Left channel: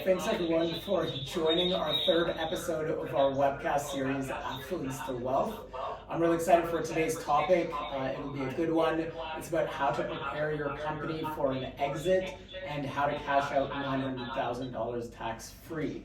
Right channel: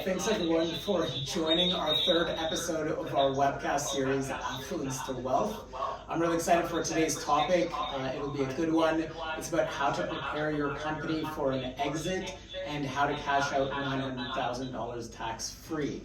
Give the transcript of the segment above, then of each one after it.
Thanks everyone for joining our third episode of our webcast series, Affluence to Wealth. I'm really excited for today's topic. It'll be a good one. It's about how to prepare your company for an exit and how to cash out $900,000 tax-free.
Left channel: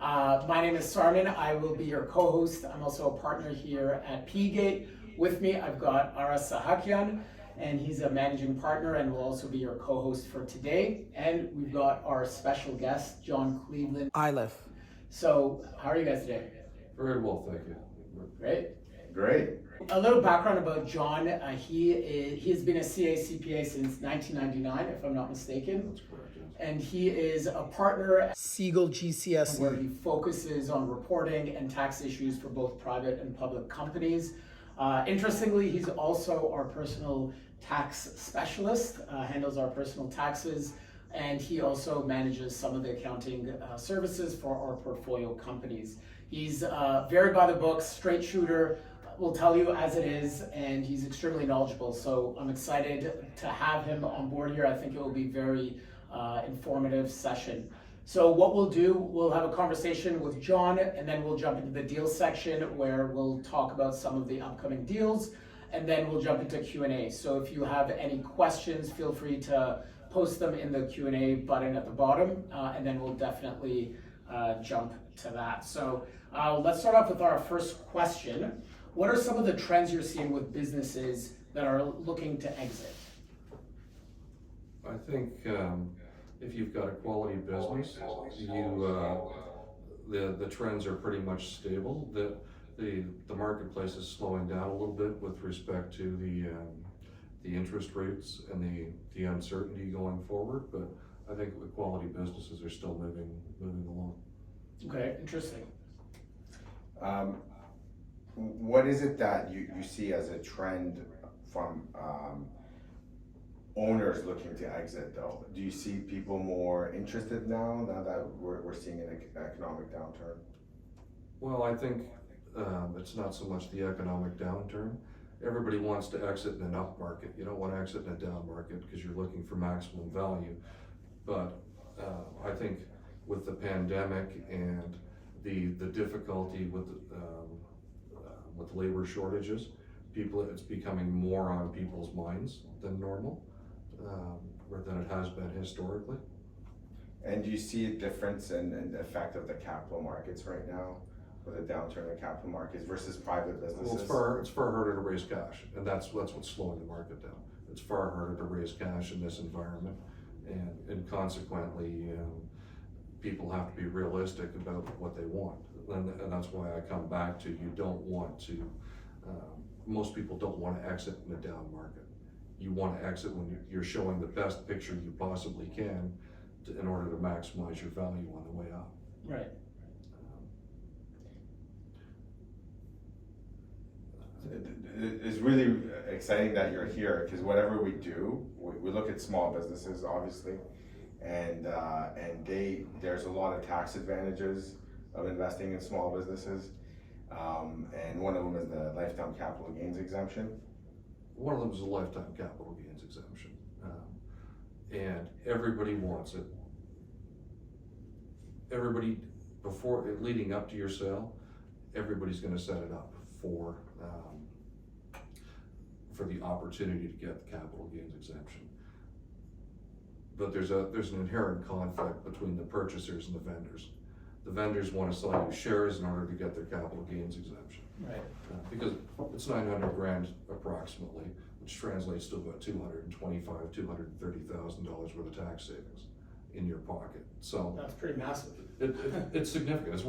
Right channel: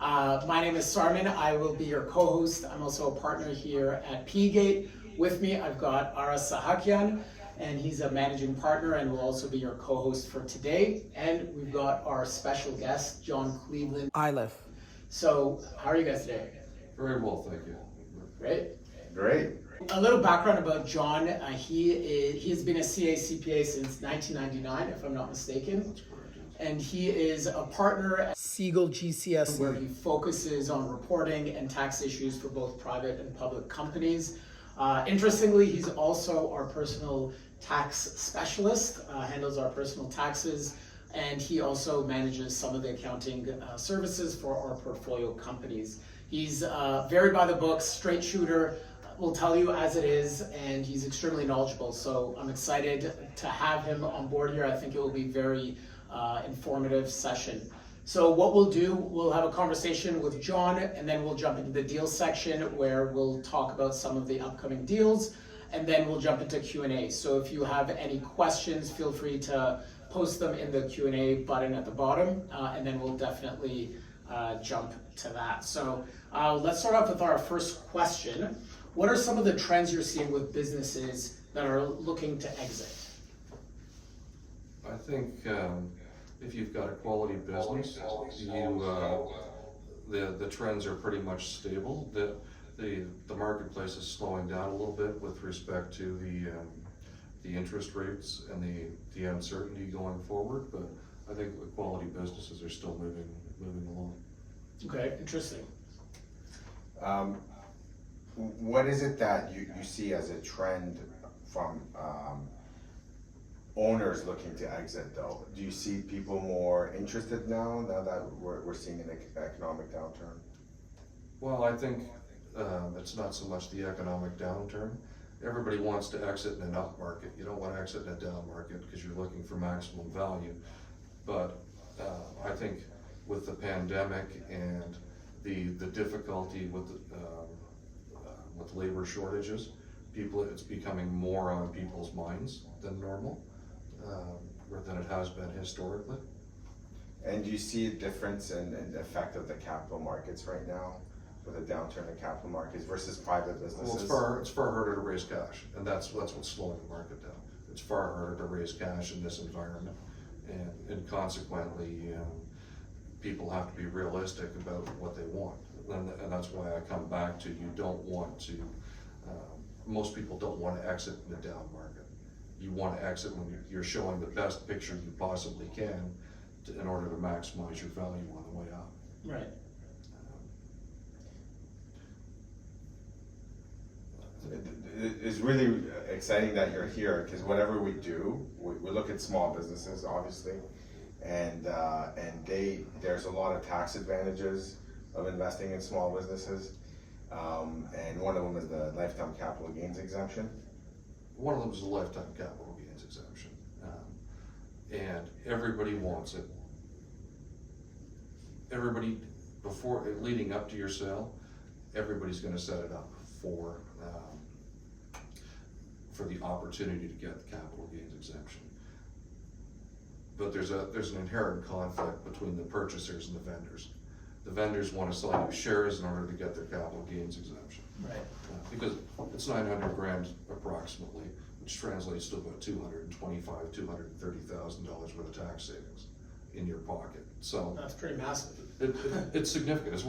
My name is Sarmen. I will be your co-host. I'm also a partner here at P-Gate. With me, I've got Sahakian, and he's a managing partner and will also be your co-host for today. And we've got our special guest, John Cleveland. Iliffe. So, how are you guys today? Very well, thank you. Great. A little background about John. He has been a CA/CPA since 1999, if I'm not mistaken. That's correct, yes. And he is a partner at Segal GCSE, where he focuses on reporting and tax issues for both private and public companies. Interestingly, he's also our personal tax specialist, handles our personal taxes, and he also manages some of the accounting services for our portfolio companies. He's very by the books, straight shooter, will tell you as it is, and he's extremely knowledgeable. So I'm excited to have him on board here. I think it will be very informative session. So what we'll do, we'll have a conversation with John, and then we'll jump into the deals section where we'll talk about some of the upcoming deals, and then we'll jump into Q&A. So if you have any questions, feel free to post them in the Q&A button at the bottom, and then we'll definitely jump to that. So let's start off with our first question. What are some of the trends you're seeing with businesses that are looking to exit? I think if you've got a quality business, the trends are pretty much stable. The marketplace is slowing down a little bit with respect to the interest rates and the uncertainty going forward, but I think the quality businesses are still moving along. Okay, interesting. What is it that you see as a trend from owners looking to exit though? Do you see people more interested now that we're seeing an economic downturn? Well, I think it's not so much the economic downturn. Everybody wants to exit in an up market. You don't want to exit in a down market because you're looking for maximum value. But I think with the pandemic and the difficulty with labor shortages, it's becoming more on people's minds than normal, than it has been historically. And do you see a difference in the effect of the capital markets right now, with a downturn in capital markets versus private businesses? Well, it's far harder to raise cash, and that's what's slowing the market down. It's far harder to raise cash in this environment, and consequently, people have to be realistic about what they want. And that's why I come back to, you don't want to, most people don't want to exit in a down market. You want to exit when you're showing the best picture you possibly can in order to maximize your value on the way up. Right. It's really exciting that you're here, because whatever we do, we look at small businesses, obviously, and there's a lot of tax advantages of investing in small businesses, and one of them is the lifetime capital gains exemption. One of them is a lifetime capital gains exemption, and everybody wants it. Everybody, leading up to your sale, everybody's going to set it up for the opportunity to get the capital gains exemption. But there's an inherent conflict between the purchasers and the vendors. The vendors want to sell you shares in order to get their capital gains exemption. Right. Because it's 900 grand approximately, which translates to about $225,000, $230,000 worth of tax savings in your pocket. So that's pretty massive. It's significant.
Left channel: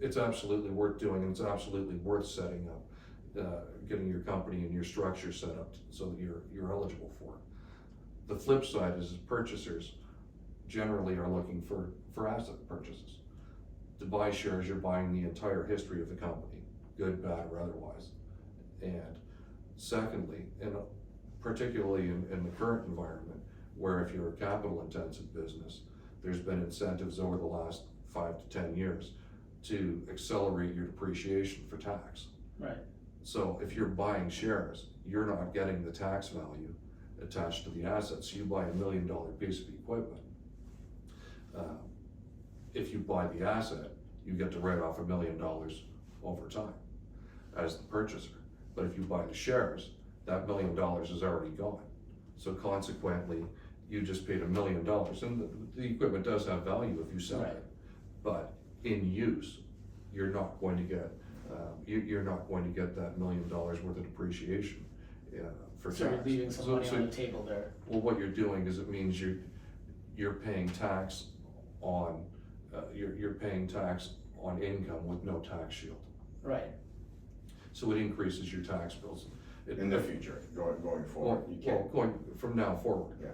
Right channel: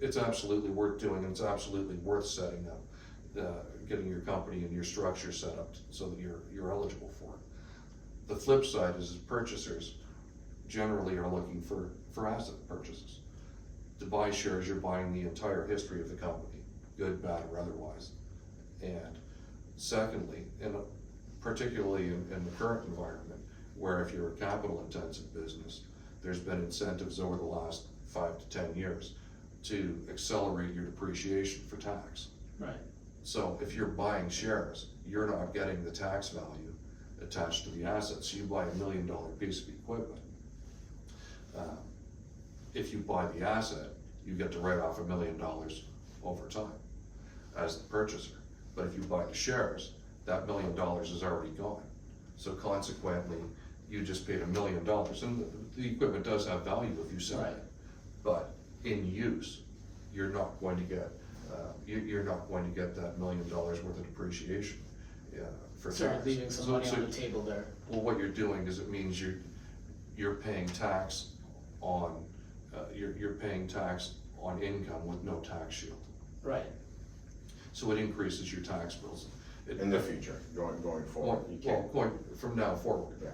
It's absolutely worth doing, and it's absolutely worth setting up, getting your company and your structure set up so that you're eligible for it. The flip side is purchasers generally are looking for asset purchases. To buy shares, you're buying the entire history of the company, good, bad, or otherwise. And secondly, particularly in the current environment, where if you're a capital intensive business, there's been incentives over the last 5 to 10 years to accelerate your depreciation for tax. Right. So if you're buying shares, you're not getting the tax value attached to the assets. So you buy $1 million piece of equipment. if you buy the asset, you get to write off $1 million over time as the purchaser. But if you buy the shares, that $1 million is already gone. So consequently, you just paid $1 million, and the equipment does have value if you sell Right. it. But in use, you're not going to get, you're not going to get that $1 million worth of depreciation for So you're tax. leaving some money on the table there. Well, what you're doing is it means you're paying tax on, you're paying tax on income with no tax shield. Right. So it increases your tax bills. In the future, going forward, you can't. Going from now forward. Yeah.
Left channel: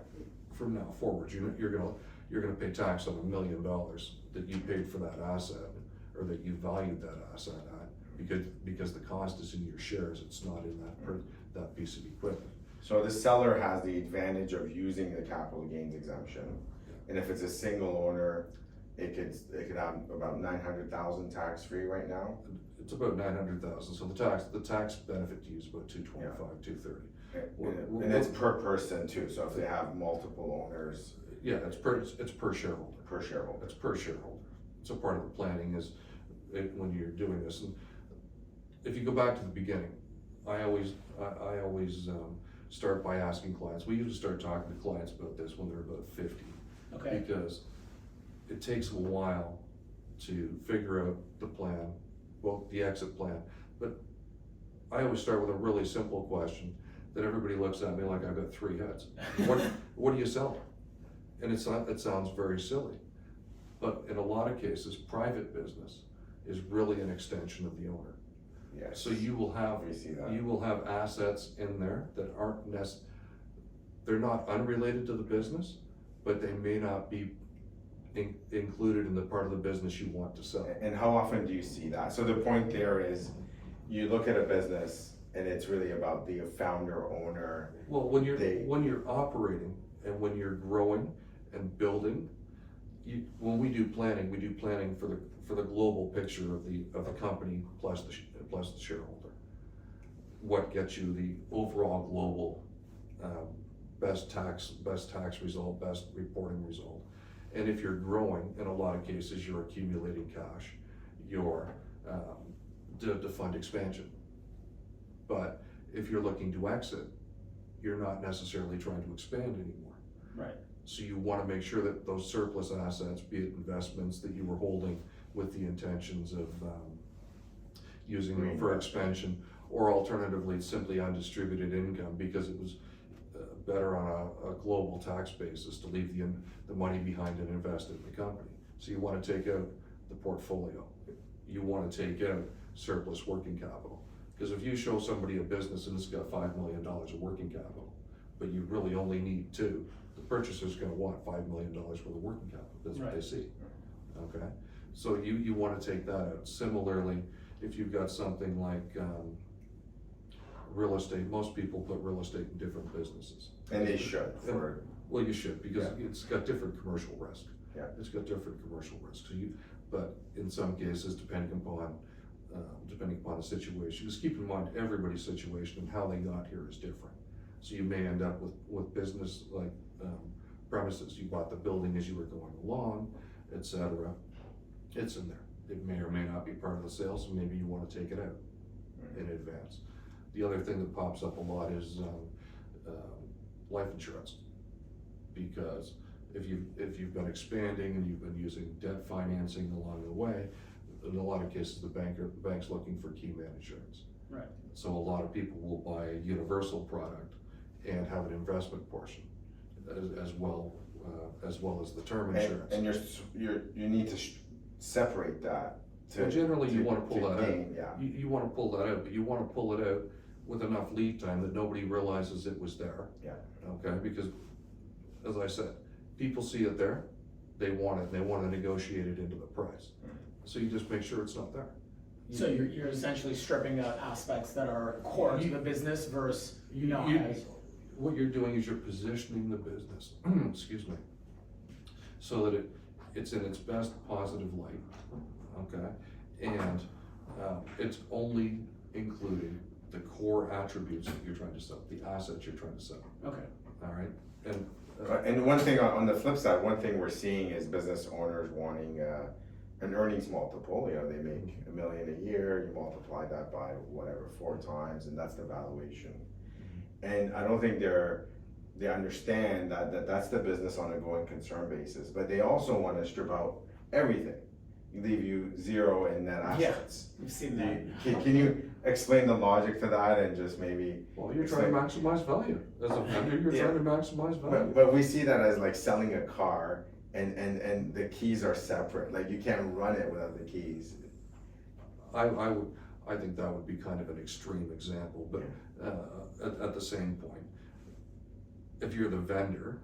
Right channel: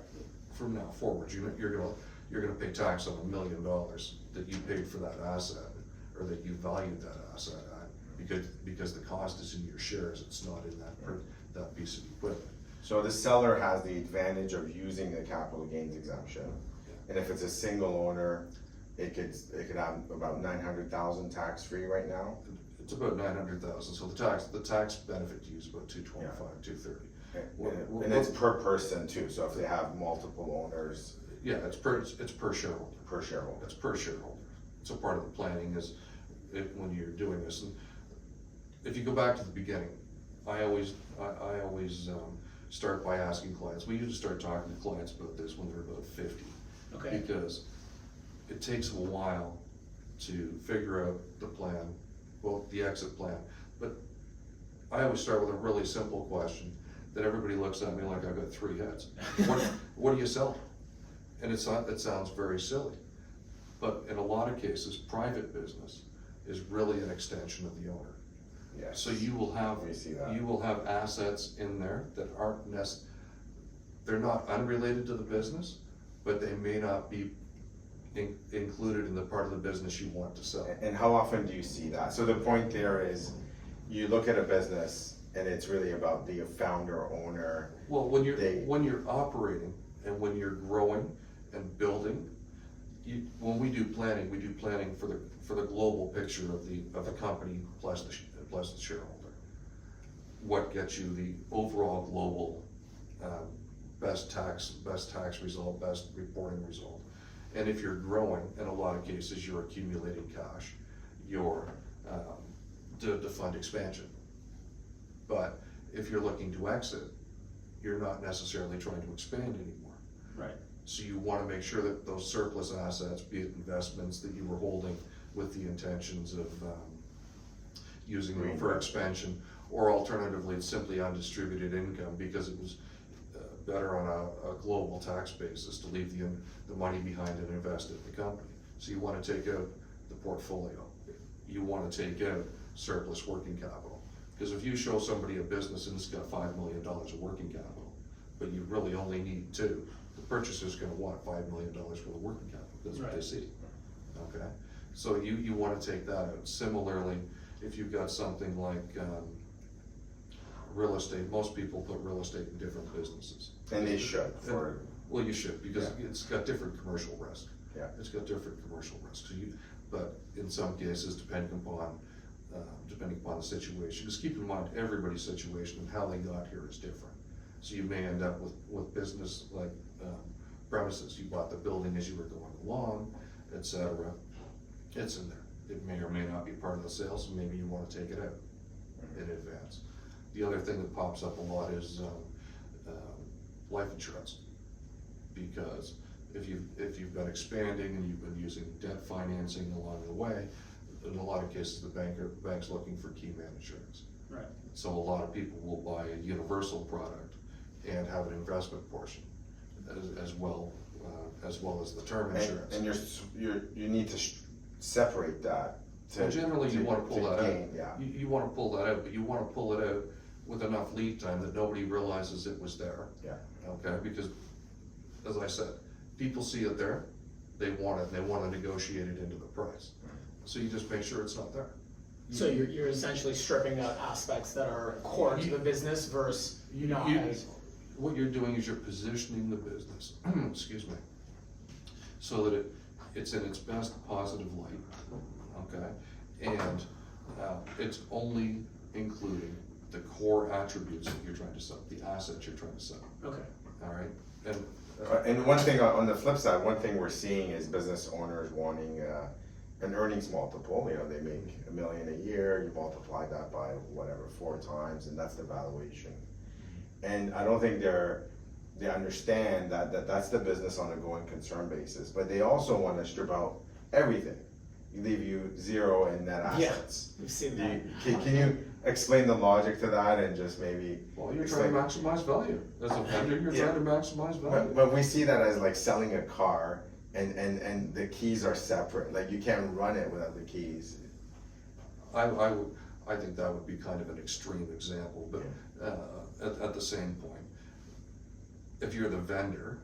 From now forward, you're gonna pay tax on $1 million that you paid for that asset, or that you valued that asset at, because the cost is in your shares, it's not in that piece of equipment. So the seller has the advantage of using the capital gains exemption, and if it's a single owner, it could have about 900,000 tax free right now. It's about 900,000, so the tax benefit to you is about 225, 230. And it's per person too, so if they have multiple owners. Yeah, it's per shareholder. Per shareholder. It's per shareholder. It's a part of the planning when you're doing this. And if you go back to the beginning, I always start by asking clients. We usually start talking to clients about this when they're about 50. Okay. Because it takes a while to figure out the plan, well, the exit plan. But I always start with a really simple question that everybody looks at me like I've got 3 heads. What do you sell? And it sounds very silly, but in a lot of cases, private business is really an extension of the owner. Yes. So you will have We see that. assets in there that aren't they're not unrelated to the business, but they may not be included in the part of the business you want to sell. And how often do you see that? So the point there is, you look at a business and it's really about the founder, owner. Well, when you're operating and when you're growing and building, when we do planning for the global picture of the company plus the shareholder. What gets you the overall global best tax result, best reporting result. And if you're growing, in a lot of cases, you're accumulating cash, you're to fund expansion. But if you're looking to exit, you're not necessarily trying to expand anymore. Right. So you want to make sure that those surplus assets, be it investments that you were holding with the intentions of using them for expansion, or alternatively, it's simply undistributed income because it was better on a global tax basis to leave the money behind and invest it in the company. So you want to take out the portfolio. You want to take out surplus working capital. Because if you show somebody a business and it's got $5 million of working capital, but you really only need 2, the purchaser's gonna want $5 million worth of working capital, that's what they see, okay? So you wanna take that out. Similarly, if you've got something like real estate, most people put real estate in different businesses. And they should, Well, you should, because it's got different commercial risk. Yeah. It's got different commercial risks, but in some cases, depending upon the situation, just keep in mind everybody's situation and how they got here is different. So you may end up with business like premises, you bought the building as you were going along, etc. It's in there. It may or may not be part of the sale, so maybe you want to take it out in advance. The other thing that pops up a lot is life insurance, because if you've been expanding and you've been using debt financing along the way, in a lot of cases the bank's looking for key man insurance. Right. So a lot of people will buy a universal product and have an investment portion as well as the term insurance. And you need to separate that. Well, generally, you want to pull that out. Yeah. You want to pull that out, but you want to pull it out with enough lead time that nobody realizes it was there. Yeah. Okay, because as I said, people see it there, they want it, they want to negotiate it into the price. So you just make sure it's not there. So you're essentially stripping out aspects that are core to the business versus what you're doing is you're positioning the business, excuse me, so that it's in its best positive light, okay? And it's only including the core attributes that you're trying to sell, the assets you're trying to sell. Okay. All right, and And one thing on the flip side, one thing we're seeing is business owners wanting an earnings multiple. You know, they make $1 million a year, you multiply that by whatever, 4 times, and that's the valuation. And I don't think they understand that that's the business on a going concern basis, but they also want to strip out everything, leave you zero in net assets. We've seen that. Can you explain the logic to that and just maybe? Well, you're trying to maximize value. As a vendor, you're trying to maximize value. But we see that as like selling a car and the keys are separate, like you can't run it without the keys. I think that would be kind of an extreme example, but at the same point, if you're the vendor,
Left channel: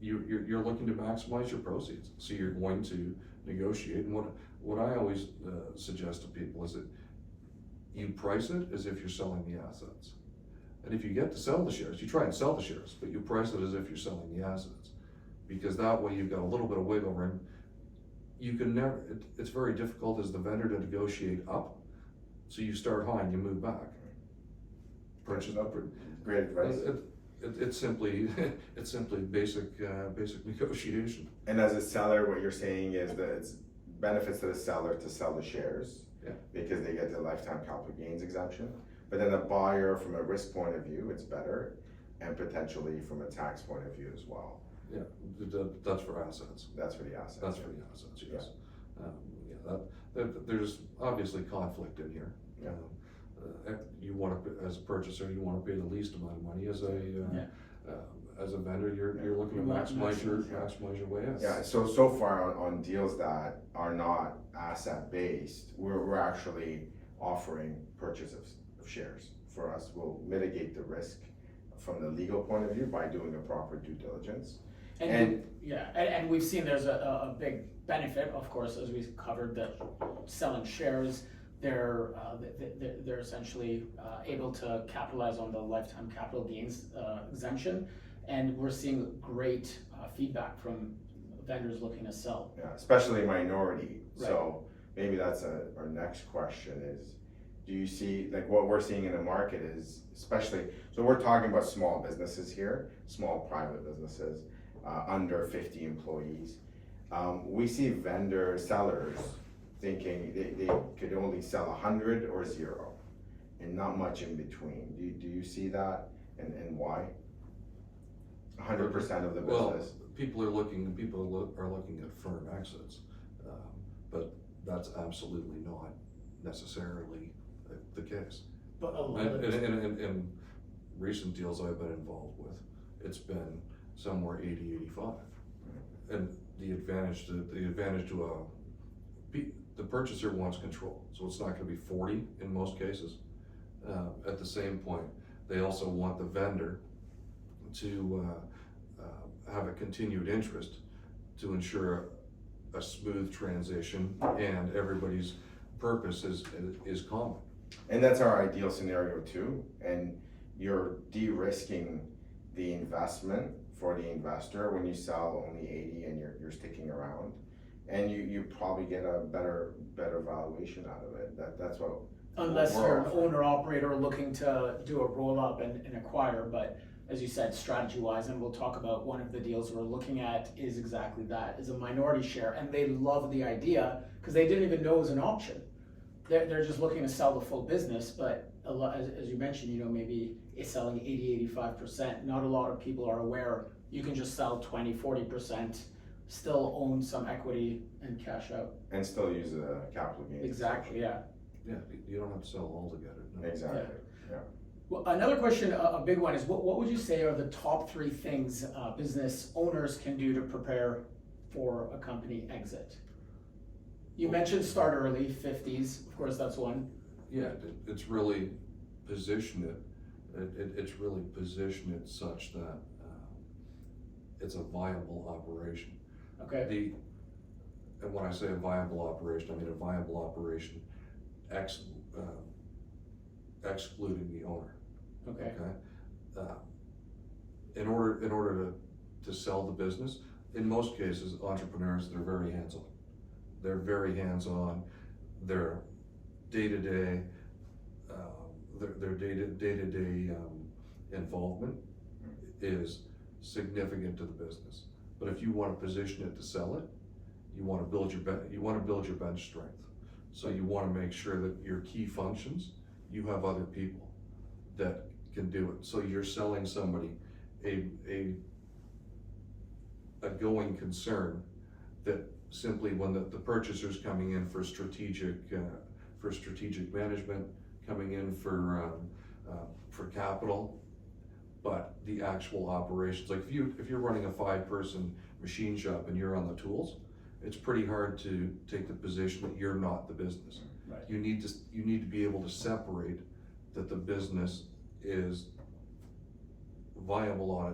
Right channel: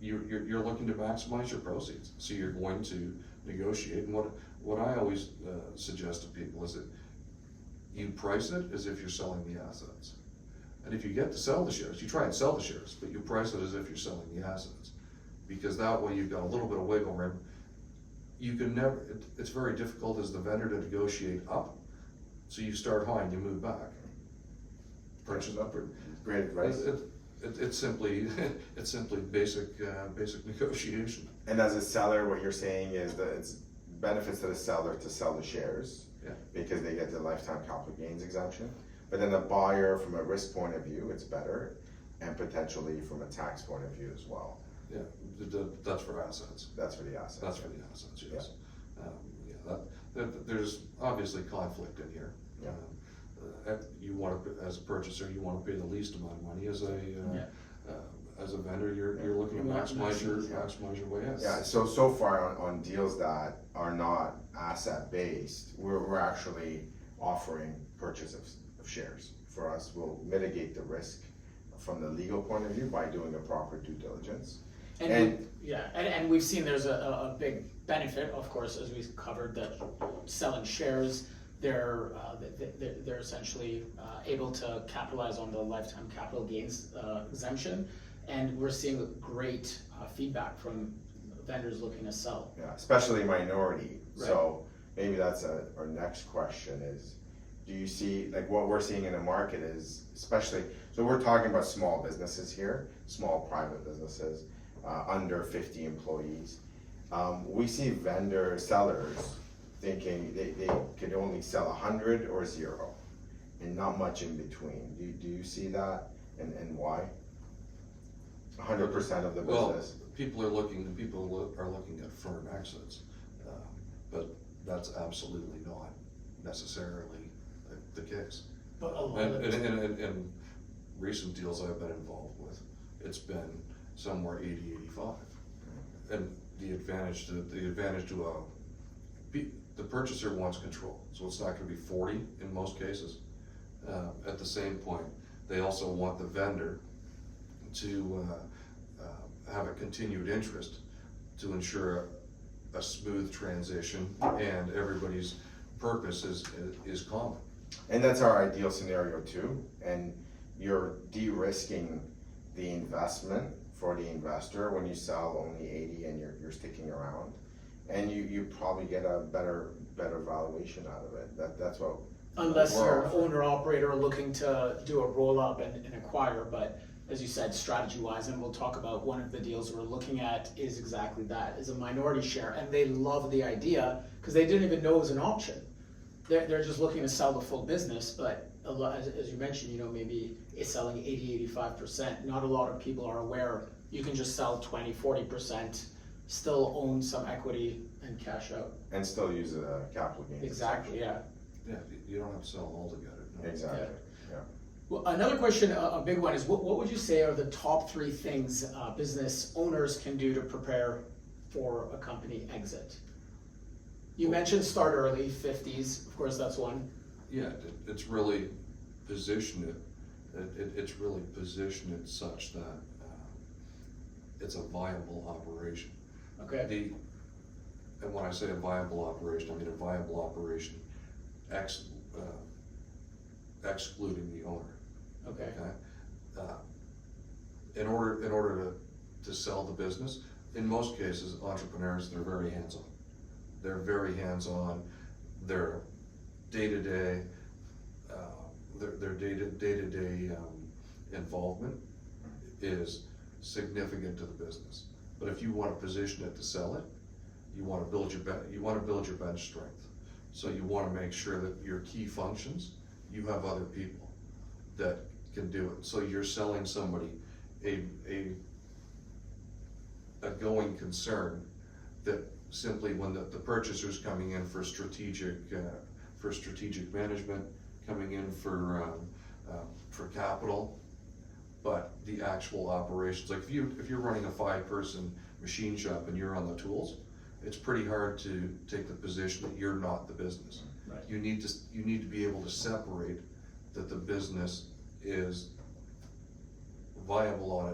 you're looking to maximize your proceeds, so you're going to negotiate. And what I always suggest to people is that you price it as if you're selling the assets. And if you get to sell the shares, you try and sell the shares, but you price it as if you're selling the assets. Because that way you've got a little bit of wiggle room. You can never, it's very difficult as the vendor to negotiate up. So you start high and you move back. Purchase up. Great advice. It's simply basic negotiation. And as a seller, what you're saying is that it's benefits to the seller to sell the shares. Yeah. Because they get the lifetime capital gains exemption. But then the buyer, from a risk point of view, it's better, and potentially from a tax point of view as well. Yeah, that's for assets. That's for the assets. That's for the assets, yes. There's obviously conflict in here. Yeah. You want to, as a purchaser, you want to pay the least amount of money. As a vendor, you're looking to maximize your way out. Yeah. So far on deals that are not asset based, we're actually offering purchase of shares. For us, we'll mitigate the risk from the legal point of view by doing a proper due diligence. And we've seen there's a big benefit, of course, as we've covered, that selling shares, they're essentially able to capitalize on the lifetime capital gains exemption, and we're seeing great feedback from vendors looking to sell. Yeah, especially minority. Right. So maybe that's our next question is, do you see, like what we're seeing in the market is, especially, so we're talking about small businesses here, small private businesses, under 50 employees. We see sellers thinking they could only sell 100 or 0 and not much in between. Do you see that, and why? 100% of the business? Well, people are looking at firm exits, but that's absolutely not necessarily the case. But in recent deals I've been involved with, it's been somewhere 80-85, and the advantage to the purchaser wants control, so it's not going to be 40 in most cases. At the same point, they also want the vendor to have a continued interest to ensure a smooth transition, and everybody's purpose is common. And that's our ideal scenario too, and you're de-risking the investment for the investor when you sell only 80 and you're sticking around, and you probably get a better valuation out of it. That's what. Unless you're an owner operator looking to do a roll up and acquire, but as you said, strategy wise, and we'll talk about one of the deals we're looking at is exactly that, is a minority share, and they love the idea because they didn't even know it was an option. They're just looking to sell the full business, but a lot, as you mentioned, maybe it's selling 80-85%. Not a lot of people are aware you can just sell 20-40%, still own some equity and cash out. And still use a capital gains. Exactly, yeah. Yeah, you don't have to sell altogether. No. Exactly, yeah. Well, another question, a big one, is what would you say are the top 3 things business owners can do to prepare for a company exit? You mentioned start early, 50s, of course that's one. Yeah, it's really position it. It's really position it such that it's a viable operation. Okay. And when I say a viable operation, I mean a viable operation excluding the owner. Okay. In order to sell the business, in most cases, entrepreneurs, they're very hands-on. They're very hands-on. Their day-to-day involvement is significant to the business. But if you wanna position it to sell it, you wanna build your bench strength. So you wanna make sure that your key functions, you have other people that can do it. So you're selling somebody a going concern that simply when the purchaser's coming in for strategic management, coming in for capital, but the actual operations, like if you're running a 5-person machine shop and you're on the tools, it's pretty hard to take the position that you're not the business. Right. You need to be able to separate that the business is viable on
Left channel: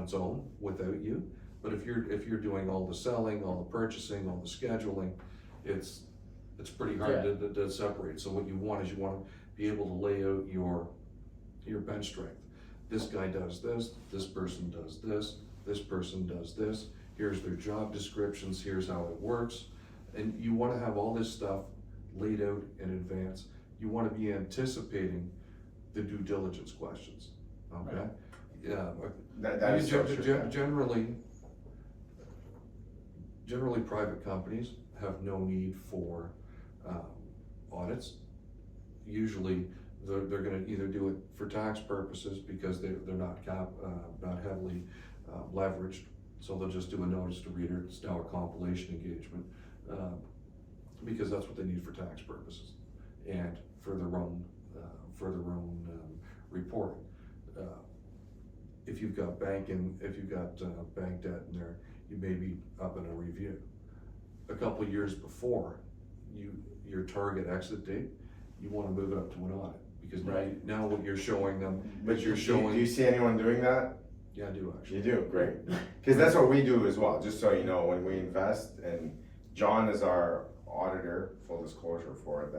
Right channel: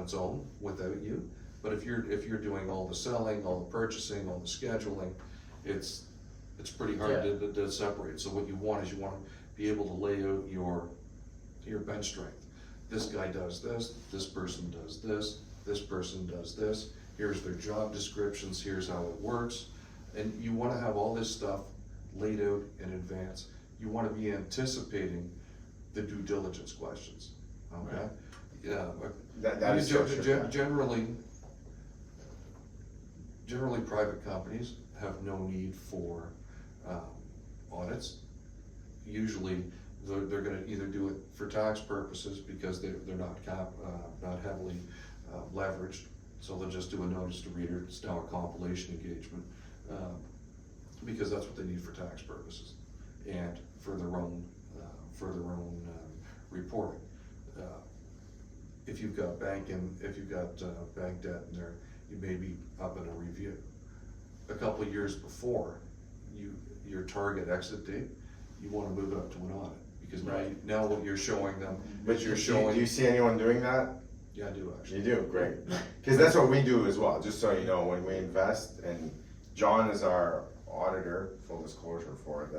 its own without you. But if you're doing all the selling, all the purchasing, all the scheduling, it's pretty hard to separate. So what you want is you want to be able to lay out your bench strength. This guy does this person does this person does this, here's their job descriptions, here's how it works. And you want to have all this stuff laid out in advance. You want to be anticipating the due diligence questions, okay? Right. Yeah. That is so true. Generally private companies have no need for audits. Usually they're gonna either do it for tax purposes because they're not heavily leveraged, so they'll just do a notice to reader. It's now a compilation engagement, because that's what they need for tax purposes and for their own reporting. If you've got bank debt in there, you may be up in a review. A couple years before your target exit date, you want to move it up to an audit, because now what you're showing them is you're showing. Do you see anyone doing that? Yeah, I do actually. You do, great. Because that's what we do as well, just so you know, when we invest, and John is our auditor, full disclosure for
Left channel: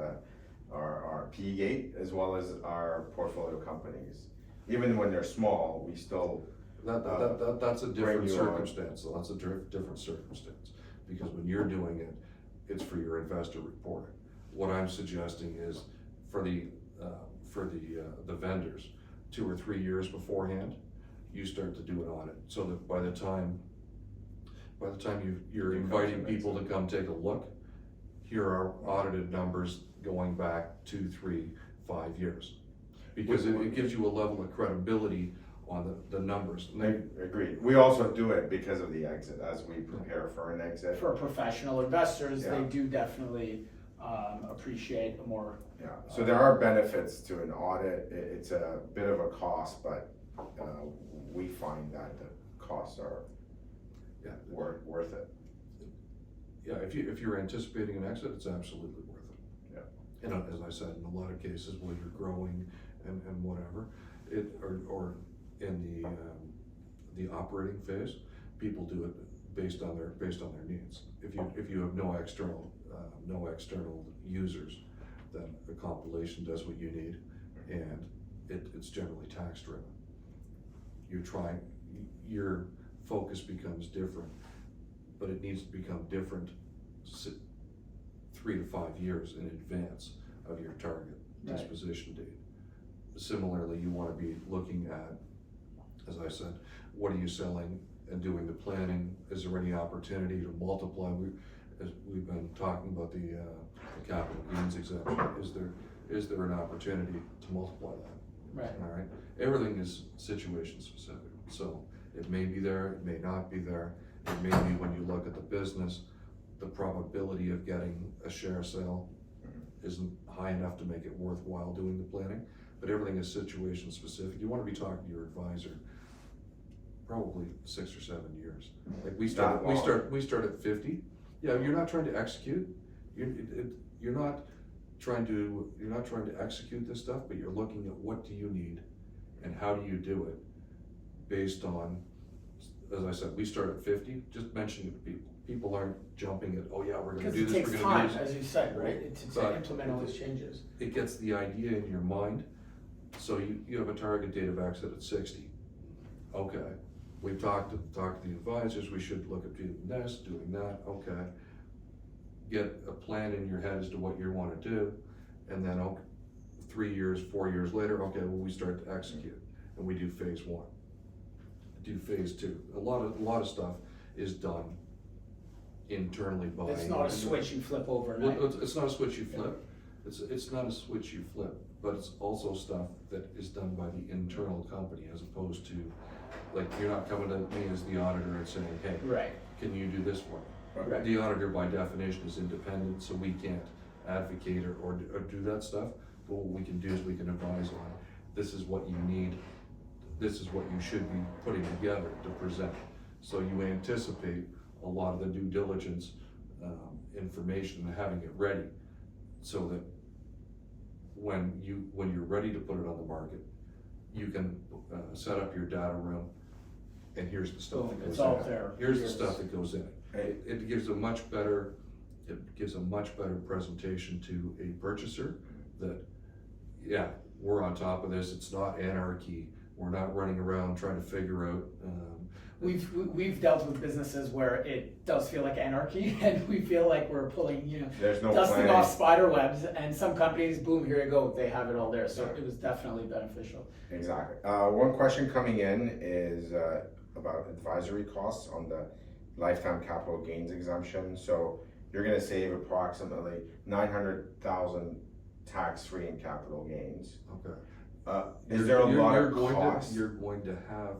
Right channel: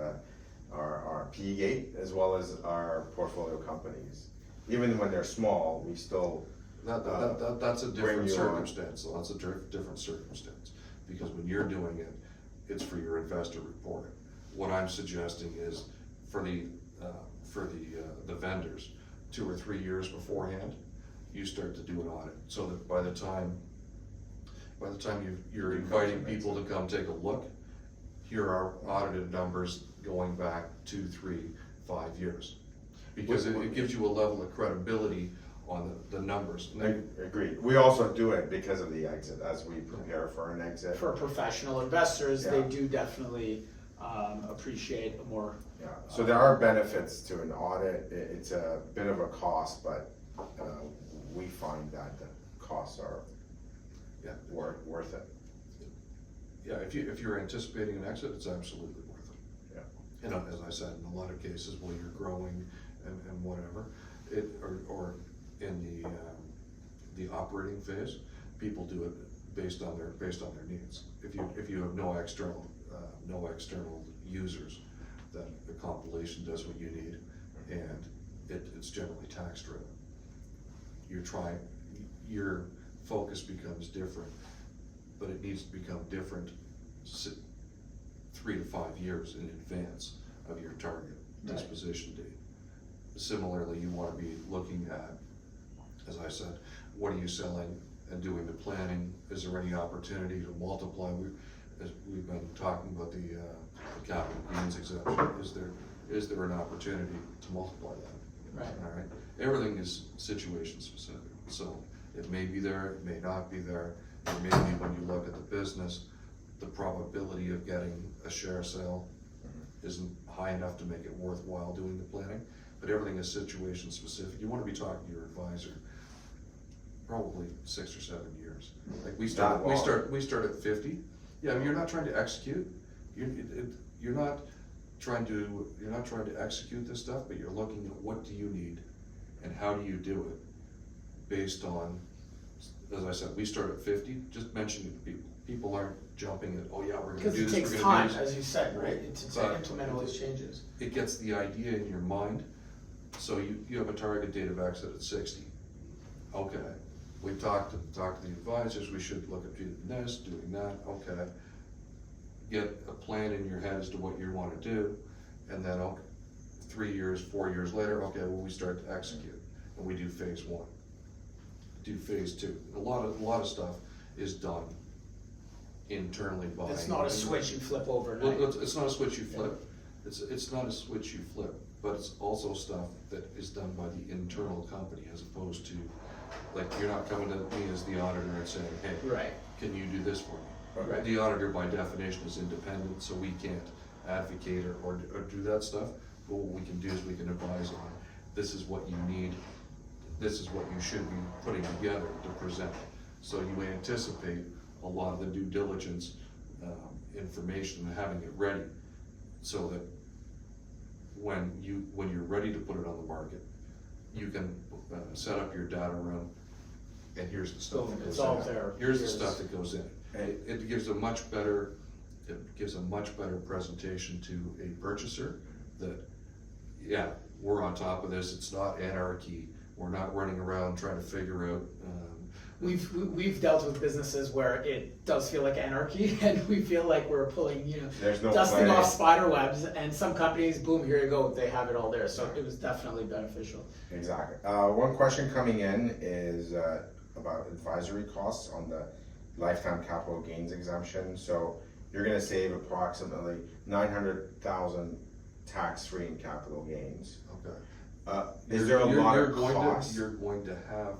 our P gate, as well as our portfolio companies. Even when they're small, we still. That's a different circumstance, so that's a different circumstance, because when you're doing it, it's for your investor reporting. What I'm suggesting is for the vendors, 2 or 3 years beforehand, you start to do an audit, so that by the time you're inviting people to come take a look, here are audited numbers going back 2, 3, 5 years. Because it gives you a level of credibility on the numbers. Agreed. We also do it because of the exit, as we prepare for an exit. For professional investors, they do definitely appreciate a more. Yeah, so there are benefits to an audit. It's a bit of a cost, but we find that the costs are worth it. Yeah, if you're anticipating an exit, it's absolutely worth it. Yeah. And as I said, in a lot of cases, while you're growing and whatever, or in the operating phase, people do it based on their needs. If you have no external users, then the compilation does what you need, and it's generally tax driven. Your focus becomes different, but it needs to become different 3 to 5 years in advance of your target disposition date. Similarly, you want to be looking at, as I said, what are you selling, and doing the planning. Is there any opportunity to multiply? As we've been talking about the capital gains exemption, is there an opportunity to multiply that? Right. All right. Everything is situation specific, so it may be there, it may not be there. It may be when you look at the business, the probability of getting a share sale isn't high enough to make it worthwhile doing the planning. But everything is situation specific. You want to be talking to your advisor probably 6 or 7 years. Like we start at 50. Yeah, you're not trying to execute. You're not trying to execute this stuff, but you're looking at what do you need and how do you do it based on, as I said, we start at 50, just mentioning it to people. People aren't jumping at, oh yeah, we're gonna do this, because it takes we're gonna time, do this. as you said, right? It's to implement all those changes. It gets the idea in your mind, so you have a target date of exit at 60. Okay, we've talked to the advisors, we should look at doing this, doing that, okay. Get a plan in your head as to what you wanna do, and then 3 years, 4 years later, okay, well, we start to execute, and we do phase 1. do phase two. A lot of stuff is done internally by. It's not a switch you flip overnight. Well, it's not a switch you flip. It's not a switch you flip, but it's also stuff that is done by the internal company as opposed to, like, you're not coming to me as the auditor and saying, hey, Right. can you do this for me? Right. The auditor by definition is independent, so we can't advocate or do that stuff. But what we can do is we can advise on, this is what you need, this is what you should be putting together to present. So you anticipate a lot of the due diligence information and having it ready, so that when you're ready to put it on the market, you can set up your data room, and here's the stuff that goes It's all in. there. Here's the stuff that goes in. It gives a much better presentation to a purchaser that, yeah, we're on top of this, it's not anarchy, we're not running around trying to figure out. We've dealt with businesses where it does feel like anarchy, and we feel like we're pulling, There's no dusting planning. off spider webs, and some companies, boom, here you go, they have it all there, so it was definitely beneficial. Exactly. One question coming in is about advisory costs on the lifetime capital gains exemption. So you're gonna save approximately 900,000 tax-free in capital gains. Okay. Is there a lot of You're costs? going to have,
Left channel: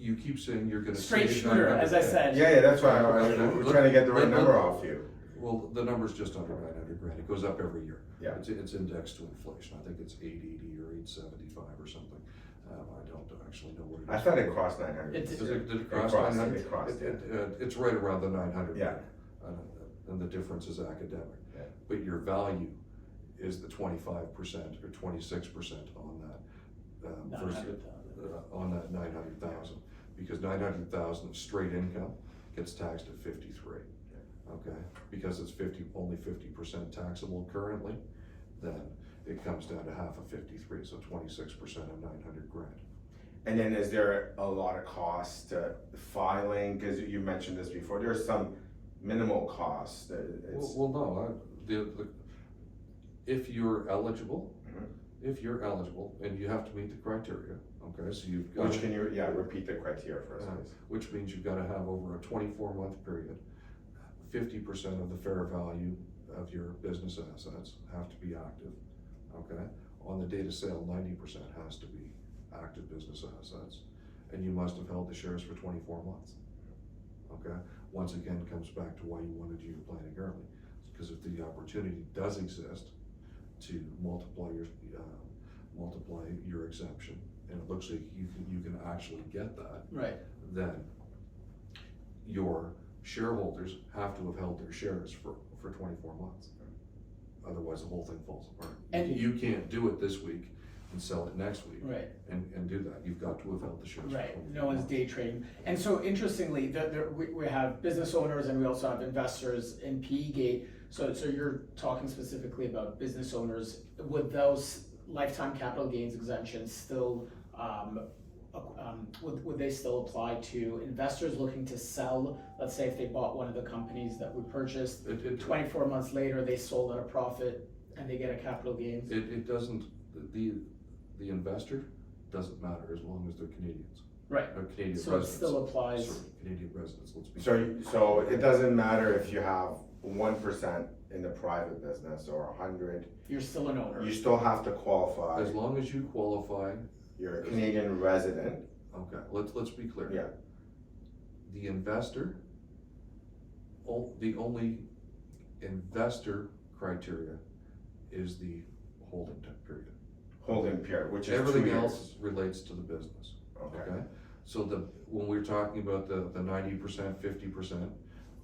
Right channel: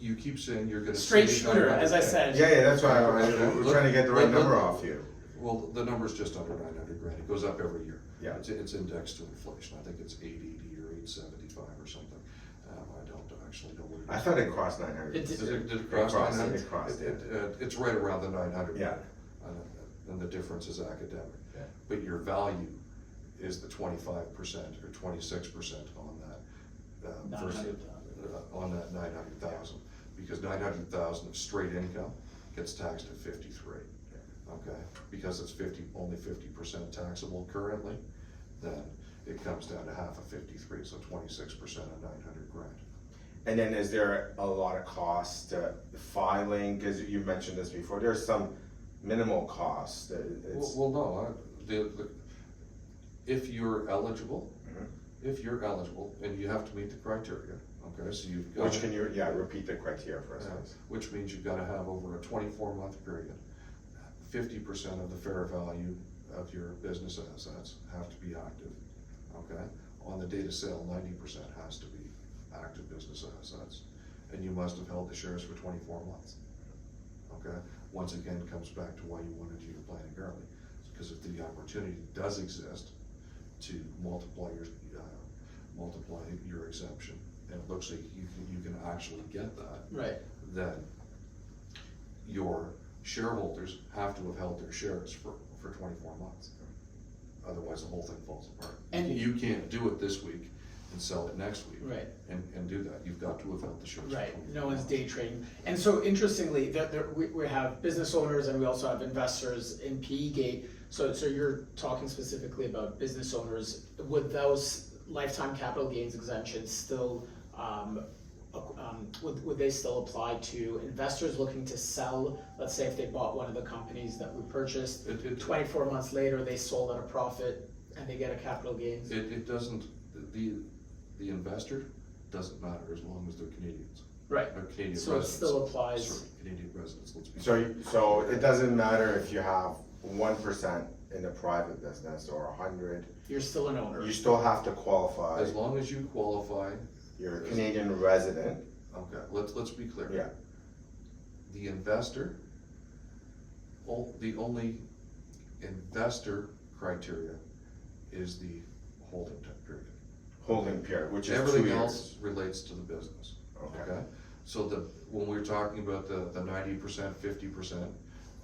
you keep saying you're gonna. Straight save shooter, 900K. as I said. Yeah, that's why we're trying to get the right number off you. Well, the number's just under 900 grand, it goes up every year. Yeah. It's indexed to inflation, I think it's 880 or 875 or something. I don't actually know what it is. I thought it crossed 900. It's- Did it cross crossed, 900? it crossed, yeah. It's right around the 900. Yeah. And the difference is academic. Yeah. But your value is the 25% or 26% on that, versus, 900,000. on that 900,000. Because 900,000 of straight income gets taxed at 53, okay? Because it's only 50% taxable currently, then it comes down to half of 53, so 26% of 900 grand. And then is there a lot of cost to filing? Cause you mentioned this before, there's some minimal costs. Well, no, if you're eligible, and you have to meet the criteria, okay, so you've got. Which can you, repeat the criteria for us, please. Which means you've gotta have over a 24-month period, 50% of the fair value of your business assets have to be active, okay? On the date of sale, 90% has to be active business assets, and you must have held the shares for 24 months, okay? Once again, comes back to why you wanted to do your planning early, because if the opportunity does exist to multiply your exemption, and it looks like you can actually get that, Right. then your shareholders have to have held their shares for 24 months. Otherwise, the whole thing falls apart. And- You can't do it this week and sell it next week. Right. And do that. You've got to have held the shares for 24 Right, months. no one's day trading. And so interestingly, we have business owners and we also have investors in PE Gate. So you're talking specifically about business owners. Would those lifetime capital gains exemptions still, would they still apply to investors looking to sell? Let's say if they bought one of the companies that we purchased, 24 months later, they sold at a profit and they get a capital gains? It doesn't, the investor doesn't matter as long as they're Canadians. Right, Or Canadian so it residents. still applies. Sorry, Canadian residents, let's be. So it doesn't matter if you have 1% in a private business or 100, You're still an owner. you still have to qualify. As long as you qualify, You're a Canadian resident. okay, let's be clear. Yeah. The investor, the only investor criteria is the holding time period. Holding period, which is 2 Everything years. else relates to the business, Okay. okay? So when we're talking about the 90%, 50%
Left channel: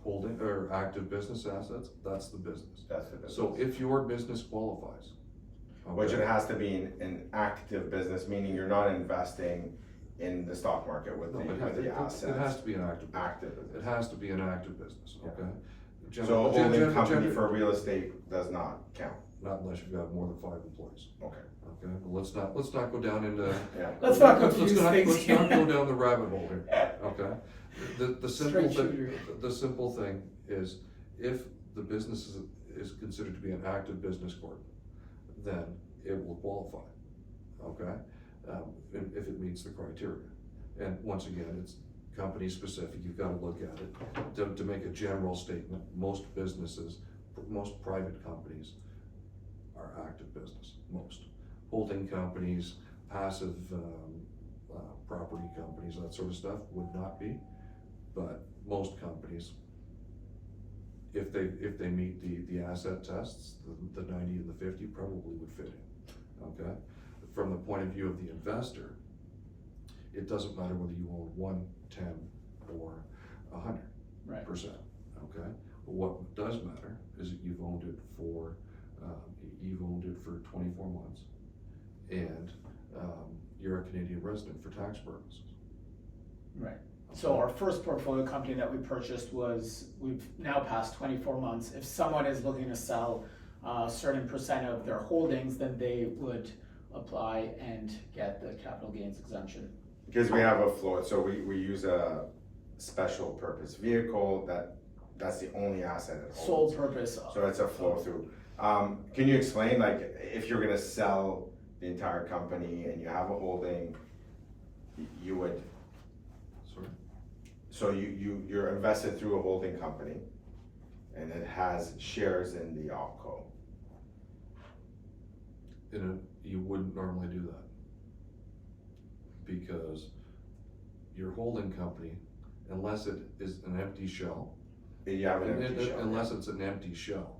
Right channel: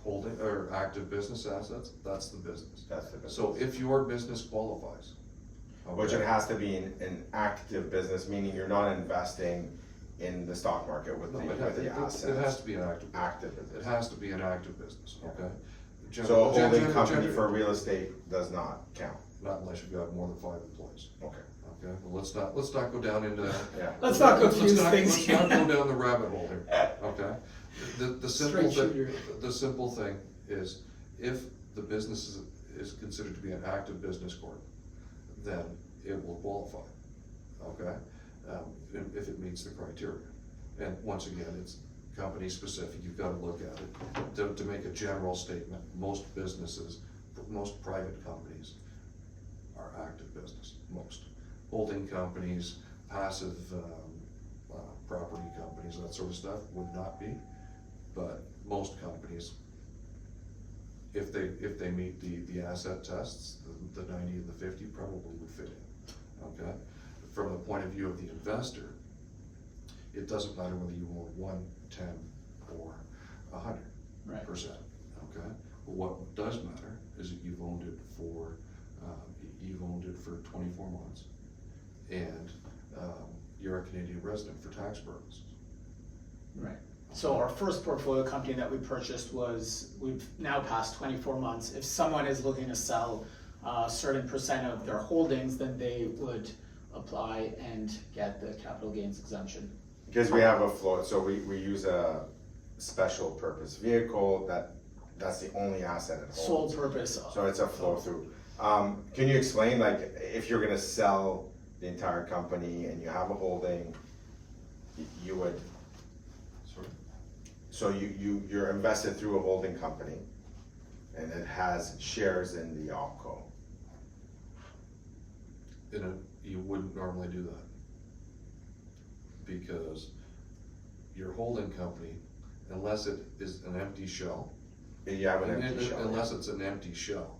holding, or active business assets, that's the business. That's the business. So if your business qualifies, Which it okay, has to be an active business, meaning you're not investing in the stock market with no, the assets. it has to be an active. Active It business. has to be an active business, okay? So a holding company Gen- for real estate does not count. Not unless you've got more than 5 employees, Okay. okay? Well, let's not go down into. Yeah. Let's not Let's confuse not- things. Let's not go down the rabbit hole here, okay? The simple Straight thing, shooter. the simple thing is, if the business is considered to be an active business corp, then it will qualify, okay? If it meets the criteria. And once again, it's company specific, you've gotta look at it. To make a general statement, most businesses, most private companies are active business, most. Holding companies, passive, property companies, that sort of stuff would not be, but most companies, if they meet the asset tests, the 90 and the 50 probably would fit in, okay? From the point of view of the investor, it doesn't matter whether you own 1, 10, or 100%, okay? But what does matter is that you've owned it for 24 months, and you're a Canadian resident for tax purposes. Right. So our first portfolio company that we purchased we've now passed 24 months. If someone is looking to sell a certain percent of their holdings, then they would apply and get the capital gains exemption. Because we have a flow, so we use a special purpose vehicle that's the only asset it holds. Sole purpose. So it's a flow through. Can you explain, like, if you're gonna sell the entire company and you have a holding, you would, Sorry? so you're invested through a holding company and it has shares in the opco. You wouldn't normally do that, because your holding company, unless it is an empty shell, You have an empty shell. unless it's an empty shell,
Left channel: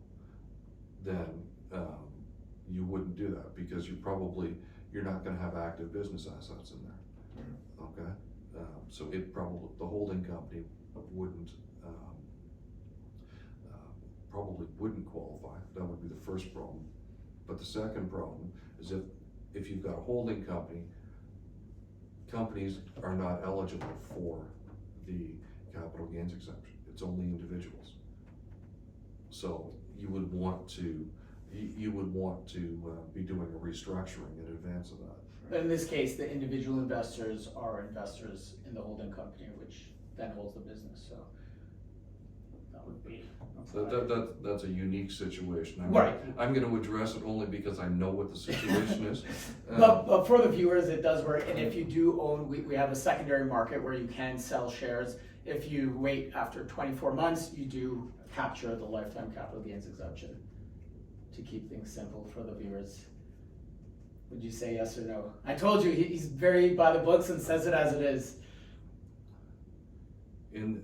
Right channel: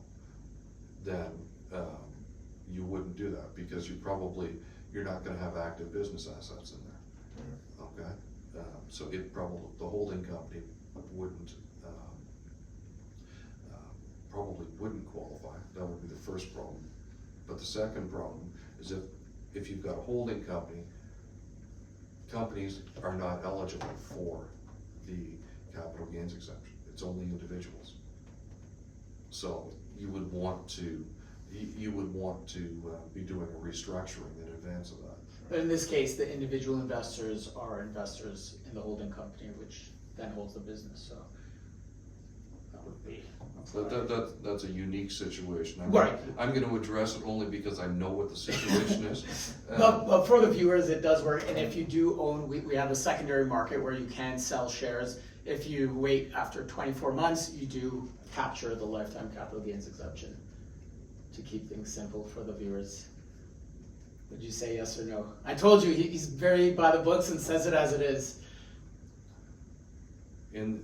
then you wouldn't do that, because you're not gonna have active business assets in there, okay? So the holding company probably wouldn't qualify. That would be the first problem. But the second problem is if you've got a holding company, companies are not eligible for the capital gains exemption. It's only individuals. So you would want to be doing a restructuring in advance of that. But in this case, the individual investors are investors in the holding company, which then holds the business, so that would be. That's a unique situation. Right. I'm gonna address it only because I know what the situation is. But for the viewers, it does work, and if you do own, we have a secondary market where you can sell shares. If you wait after 24 months, you do capture the lifetime capital gains exemption, to keep things simple for the viewers. Would you say yes or no? I told you, he's very by the books and says it as it is. In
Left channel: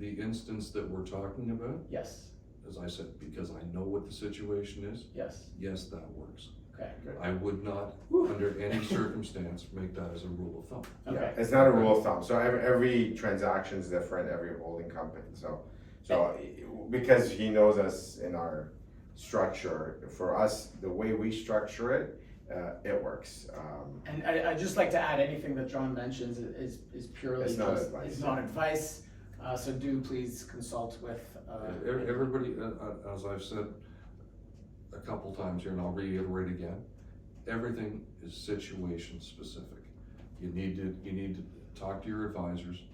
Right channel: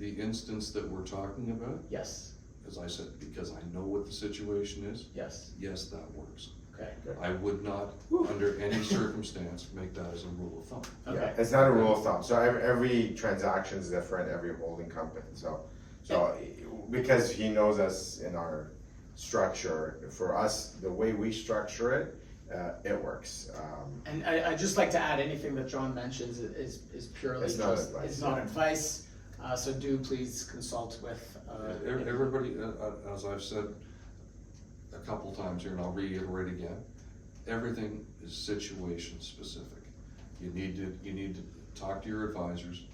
the instance that we're talking about, Yes, as I said, because I know what the situation is, yes, yes, that works. okay, I would not, under any circumstance, make that as a rule of thumb. Yeah, okay. it's not a rule of thumb, so every transaction is different, every holding company, so because he knows us in our structure, for us, the way we structure it, it works. And I just like to add, anything that John mentions is purely It's not advice, it's not advice, so do please consult with. Everybody, as I've said a couple times here, and I'll reiterate again, everything is situation specific. You need to talk to your advisors,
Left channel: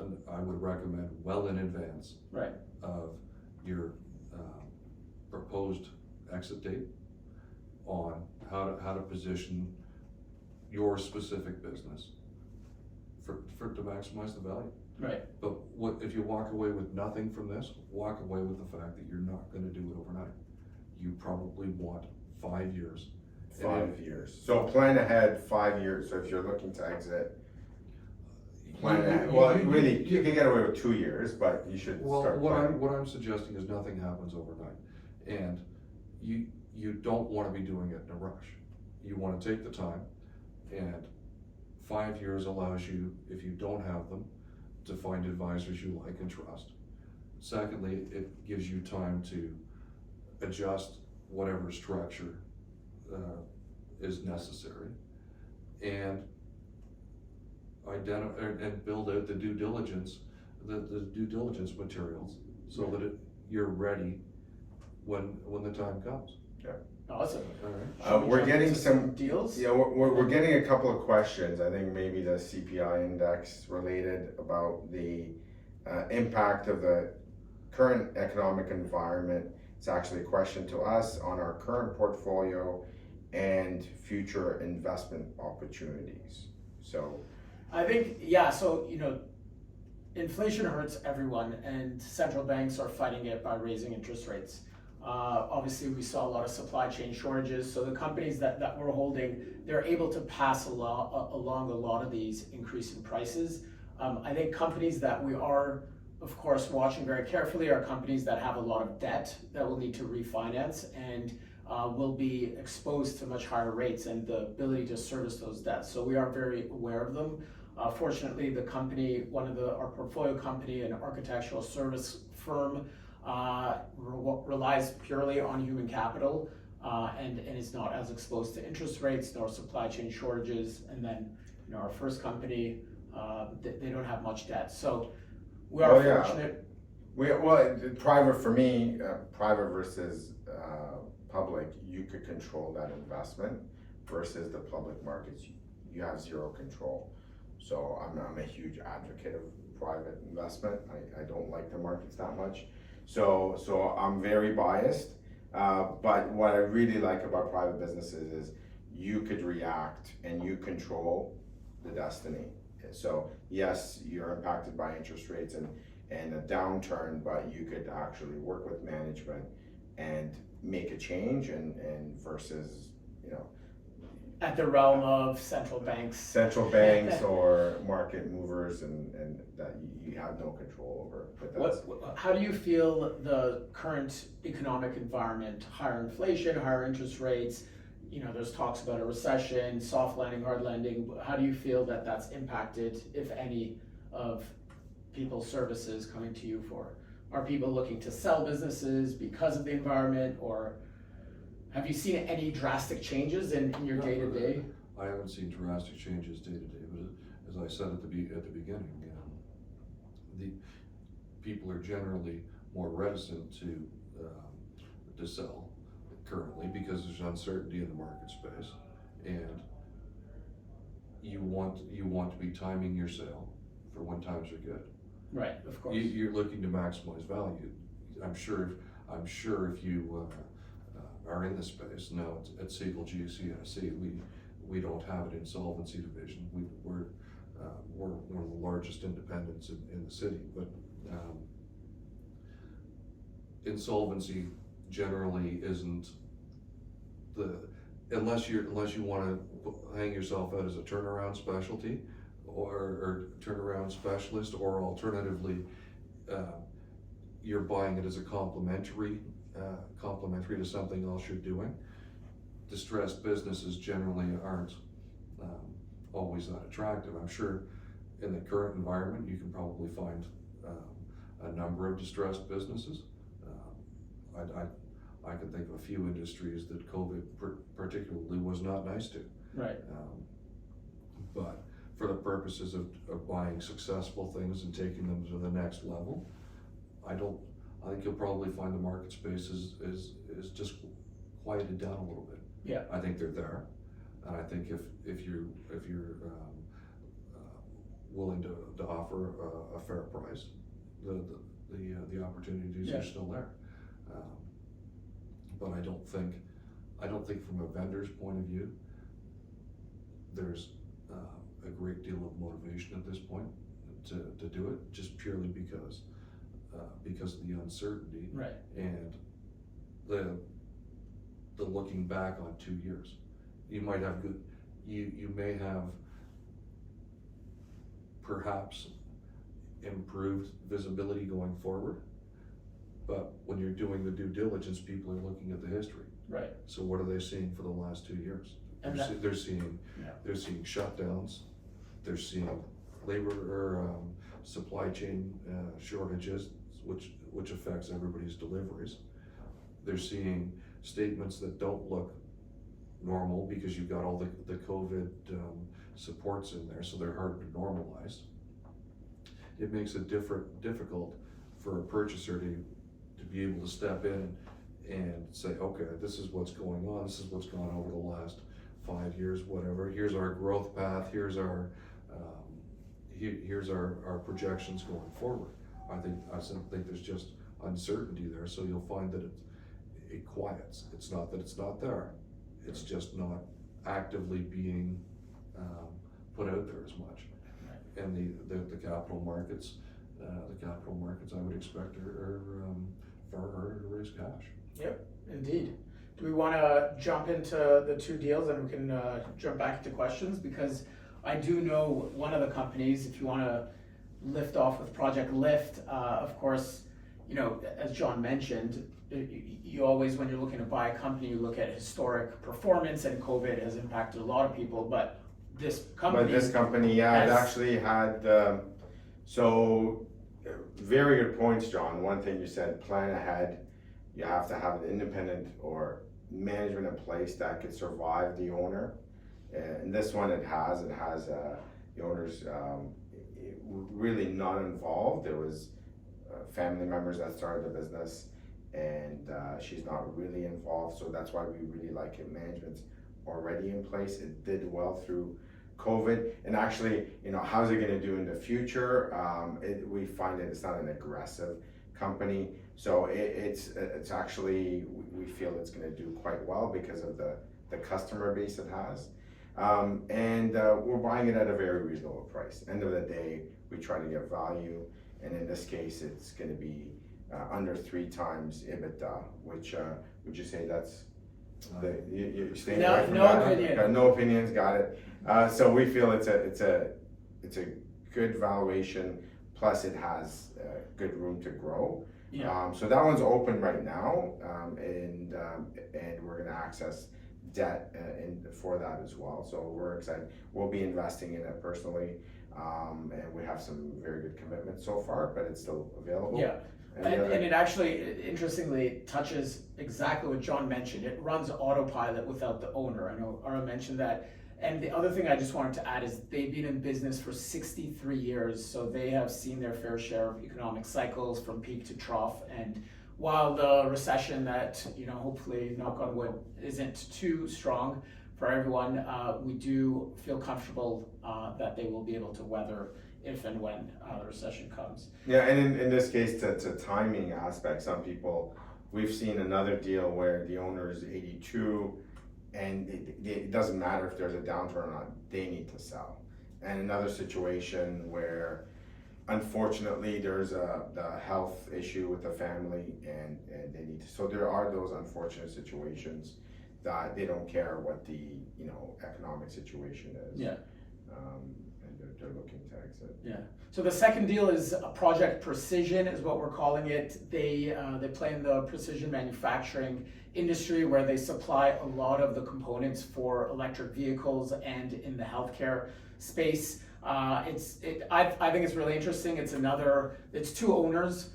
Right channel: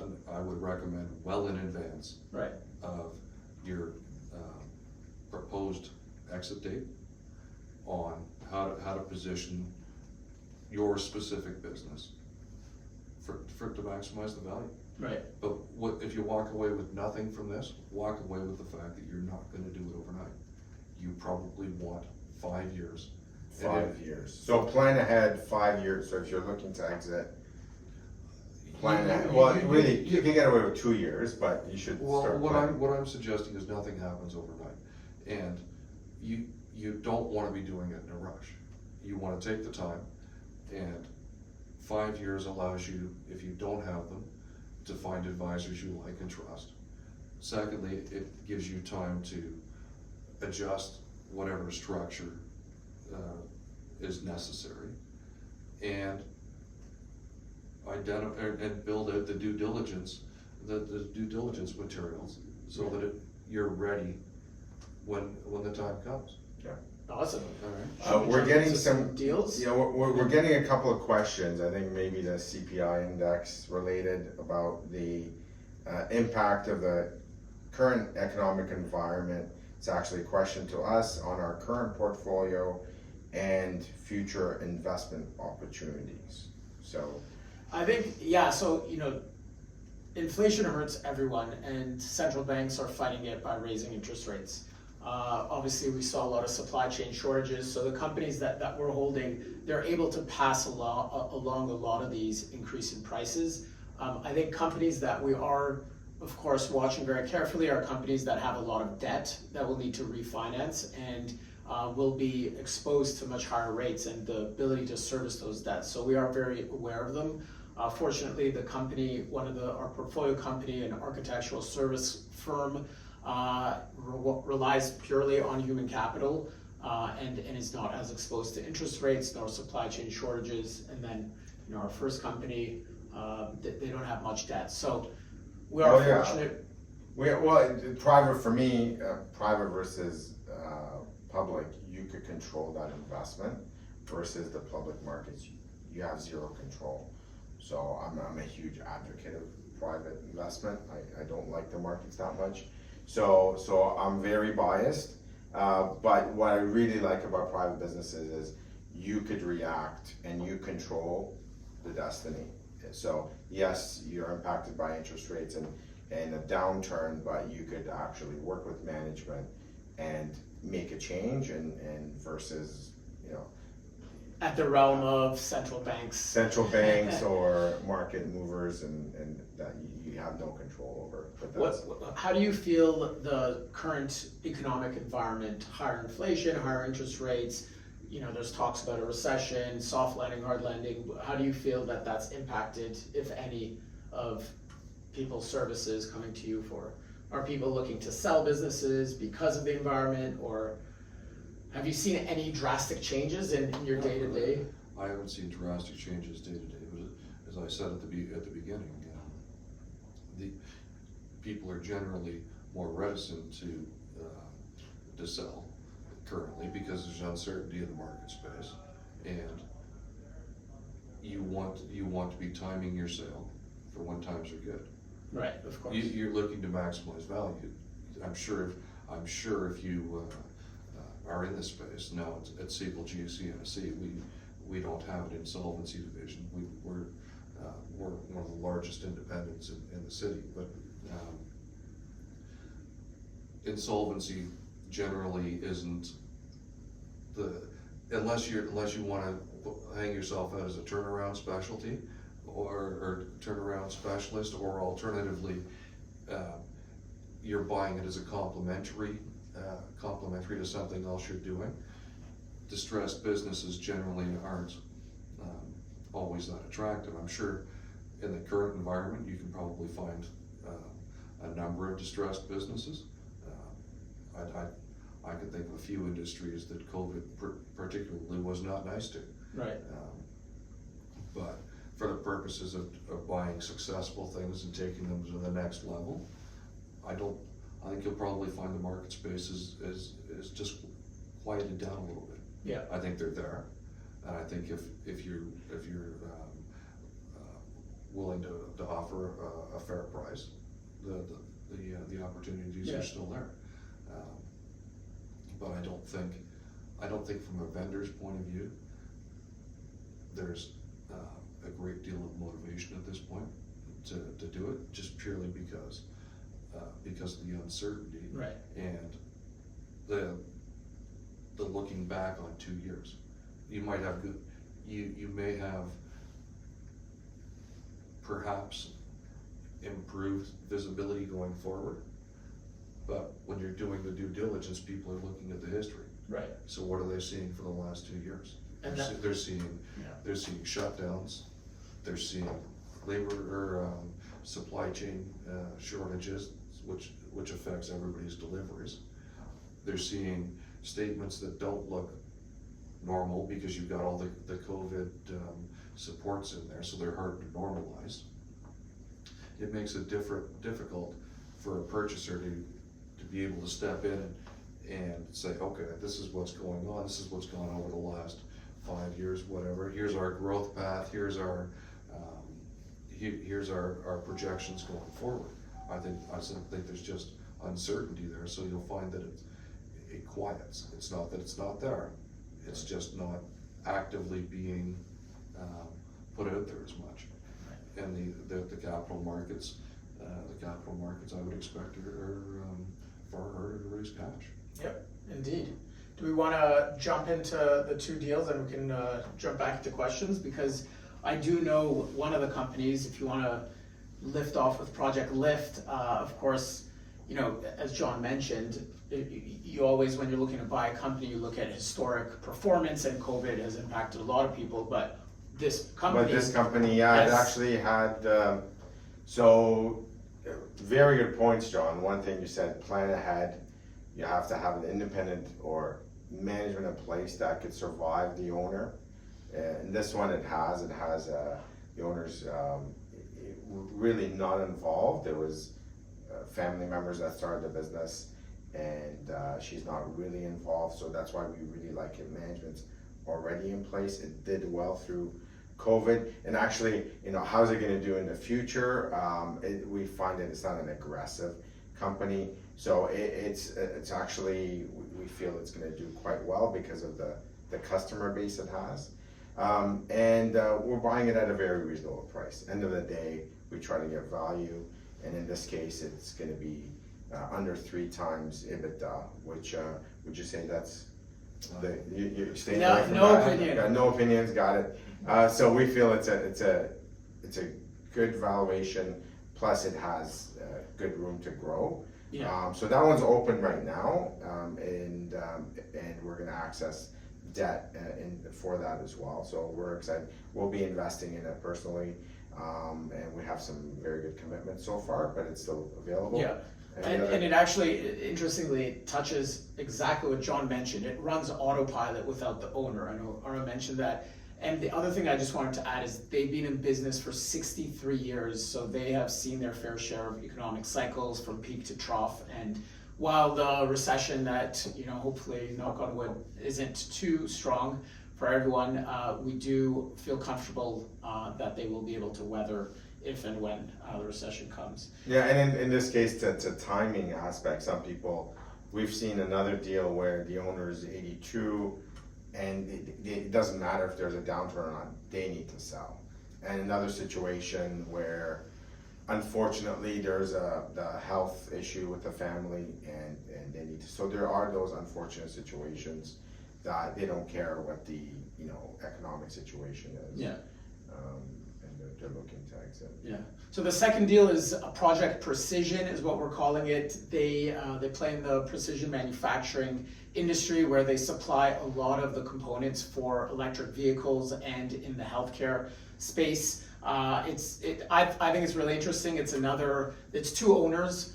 and I would recommend well in advance Right, of your proposed exit date on how to position your specific business to maximize the value. right, But if you walk away with nothing from this, walk away with the fact that you're not gonna do it overnight. You probably want 5 years. 5 years, so plan ahead 5 years, so if you're looking to exit, plan ahead, well, really, you can get away with 2 years, but you should Well, start what planning. I'm suggesting is nothing happens overnight, and you don't wanna be doing it in a rush. You wanna take the time, and 5 years allows you, if you don't have them, to find advisors you like and trust. Secondly, it gives you time to adjust whatever structure is necessary, and build out the due diligence materials, so that you're ready when the time comes. awesome. All right. We're getting some deals. Yeah, we're getting a couple of questions, I think maybe the CPI index related, about the impact of the current economic environment. It's actually a question to us on our current portfolio and future investment opportunities. So I think, yeah, so, inflation hurts everyone, and central banks are fighting it by raising interest rates. Obviously, we saw a lot of supply chain shortages, so the companies that we're holding, they're able to pass along a lot of these increase in prices. I think companies that we are, of course, watching very carefully are companies that have a lot of debt that will need to refinance and will be exposed to much higher rates and the ability to service those debts. So we are very aware of them. Fortunately, the company, our portfolio company, an architectural service firm, relies purely on human capital and is not as exposed to interest rates nor supply chain shortages. And then, our first company, they don't have much debt. So we are fortunate. Private for me, private versus public, you could control that investment versus the public markets, you have zero control. So I'm a huge advocate of private investment. I don't like the markets that much. So I'm very biased. But what I really like about private businesses is you could react and you control the destiny. So yes, you're impacted by interest rates and a downturn, but you could actually work with management and make a change and versus, at the realm of central banks or market movers and that you have no control over. But how do you feel the current economic environment, higher inflation, higher interest rates, there's talks about a recession, soft landing, hard landing. How do you feel that that's impacted, if any, of people's services coming to you for? Are people looking to sell businesses because of the environment, or have you seen any drastic changes in your day-to-day? I haven't seen drastic changes day-to-day, but as I said at the beginning, the people are generally more reticent to sell currently because there's uncertainty in the market space, and you want to be timing your sale for when times are good. Right, of course. You're looking to maximize value. I'm sure if you are in this space now at Segal GCSE, we don't have an insolvency division. We're one of the largest independents in the city, but insolvency generally isn't unless you want to hang yourself out as a turnaround specialty or turnaround specialist, or alternatively you're buying it as a complementary to something else you're doing. Distressed businesses generally aren't always that attractive. I'm sure in the current environment you can probably find a number of distressed businesses. I can think of a few industries that COVID particularly was not nice to. Right. But for the purposes of buying successful things and taking them to the next level, I think you'll probably find the market space is just quieted down a little bit. Yeah. I think they're there, and I think if you're willing to offer a fair price, the opportunities are still there. But I don't think from a vendor's point of view, there's a great deal of motivation at this point to do it, just purely because of the uncertainty, right, and the looking back on 2 years. You might have you may have perhaps improved visibility going forward, but when you're doing the due diligence, people are looking at the history. right. So what are they seeing for the last 2 years? And They're seeing shutdowns. They're seeing labor or supply chain shortages, which affects everybody's deliveries. They're seeing statements that don't look normal because you've got all the COVID supports in there, so they're hard to normalize. It makes it difficult for a purchaser to be able to step in and say, okay, this is what's going on. This is what's gone on over the last 5 years, whatever. Here's our growth path. Here's our projections going forward. I think there's just uncertainty there, so you'll find that it quiets. It's not that it's not there. It's just not actively being put out there as much. and the capital markets, I would expect are far harder to raise cash. Yep, indeed. Do we want to jump into the two deals and we can jump back into questions? Because I do know one of the companies, if you want to lift off with Project Lift, of course, as John mentioned, you always, when you're looking to buy a company, you look at historic performance, and COVID has impacted a lot of people, but this company. Yeah, it actually had, so very good points, John. One thing you said, plan ahead. You have to have an independent or management in place that could survive the owner. And this one, it has the owner's really not involved. There was family members that started the business, and she's not really involved, so that's why we really like it. Management's already in place. It did well through COVID, and actually, how's it gonna do in the future? We find that it's not an aggressive company, so it's actually, we feel it's gonna do quite well because of the customer base it has. And we're buying it at a very reasonable price. End of the day, we try to get value, and in this case, it's gonna be under 3 times EBITDA, which would you say that's you staying away from No that? opinion. Got no opinions, got it. So we feel it's a good valuation, plus it has good room to grow. Yeah. So that one's open right now, and we're gonna access debt for that as well. So we're excited. We'll be investing in it personally, and we have some very good commitments so far, but it's still available. Yeah. And it actually, interestingly, touches exactly what John mentioned. It runs autopilot without the owner. I know Ara mentioned that. And the other thing I just wanted to add is they've been in business for 63 years, so they have seen their fair share of economic cycles from peak to trough. And while the recession that, hopefully, knock on wood, isn't too strong for everyone, we do feel comfortable that they will be able to weather if and when the recession comes. Yeah, and in this case, it's a timing aspect. Some people, we've seen another deal where the owner is 82, and it doesn't matter if there's a downturn or not, they need to sell. And another situation where, unfortunately, there's the health issue with the family, and they need to. So there are those unfortunate situations that they don't care what the economic situation is. Yeah. And they're looking to exit. Yeah. So the second deal is Project Precision, is what we're calling it. They play in the precision manufacturing industry, where they supply a lot of the components for electric vehicles and in the healthcare space. I think it's really interesting. It's 2 owners.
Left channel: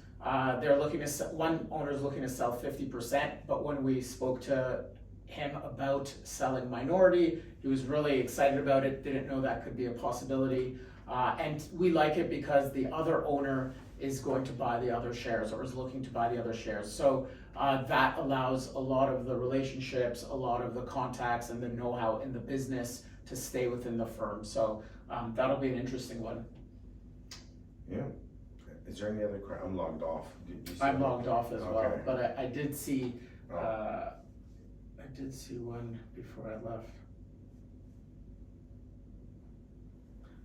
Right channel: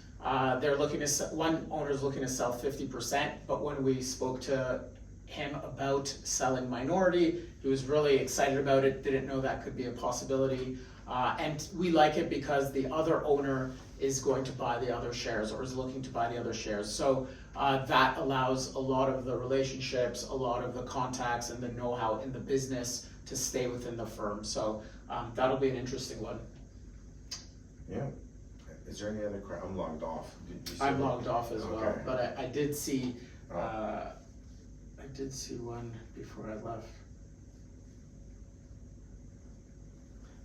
They're looking to one owner's looking to sell 50%, but when we spoke to him about selling minority, he was really excited about it, didn't know that could be a possibility. And we like it because the other owner is going to buy the other shares, or is looking to buy the other shares. So that allows a lot of the relationships, a lot of the contacts, and the know-how in the business to stay within the firm. So that'll be an interesting one. Yeah. Is there any other questions? I'm logged off. I'm logged off as well, Okay. but I did see one before I left.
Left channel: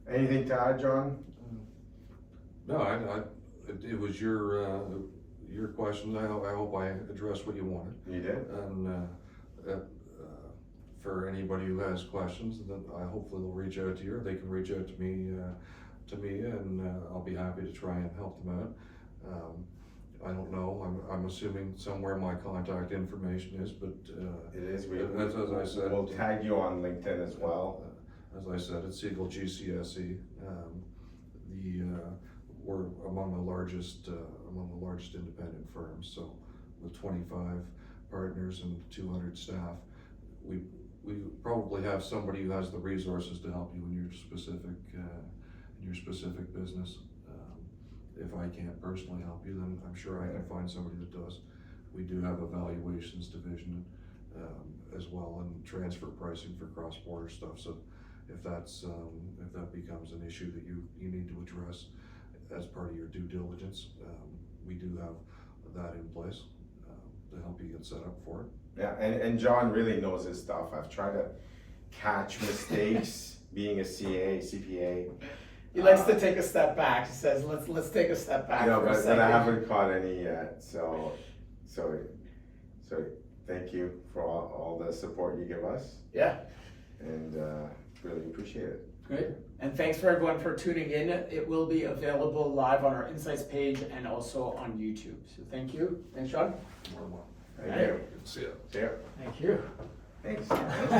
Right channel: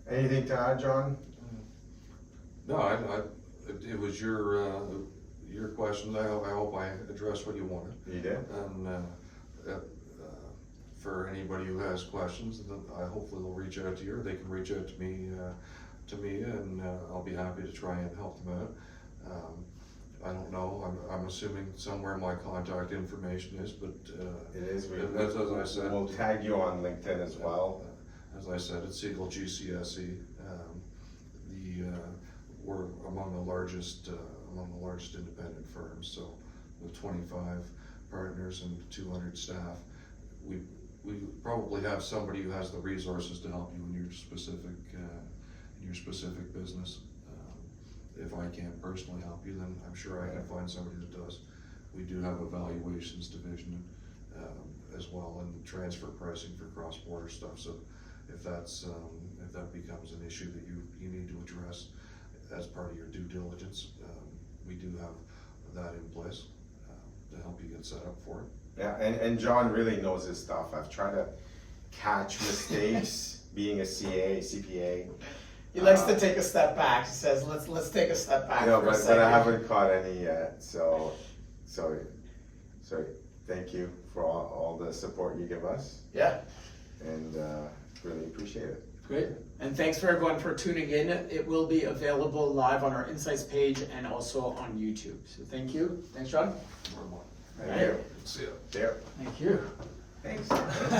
Anything to add, John? No, it was your questions. I hope I addressed what you wanted. You did? And for anybody who has questions, then hopefully they'll reach out to you, or they can reach out to me, and I'll be happy to try and help them out. I don't know. I'm assuming somewhere my contact information is, but It is. as I said, we'll tag you on LinkedIn as well. As I said, it's Segal GCSE. We're among the largest independent firms. So with 25 partners and 200 staff, we probably have somebody who has the resources to help you in your specific business. If I can't personally help you, then I'm sure I can find somebody that does. We do have a valuations division as well, and transfer pricing for cross-border stuff. So if that becomes an issue that you need to address as part of your due diligence, we do have that in place to help you get set up for it. Yeah, and John really knows his stuff. I've tried to catch mistakes being a CPA. He likes to take a step back. He says, let's take a step back No, for a but second. I haven't caught any yet, so thank you for all the support you give us, Yeah, and really appreciate it. great. And thanks for everyone for tuning in. It will be available live on our Insights page and also on YouTube. So thank you. Thanks, John. More and more. Thank you. See ya. Yeah. Thank you. Thanks.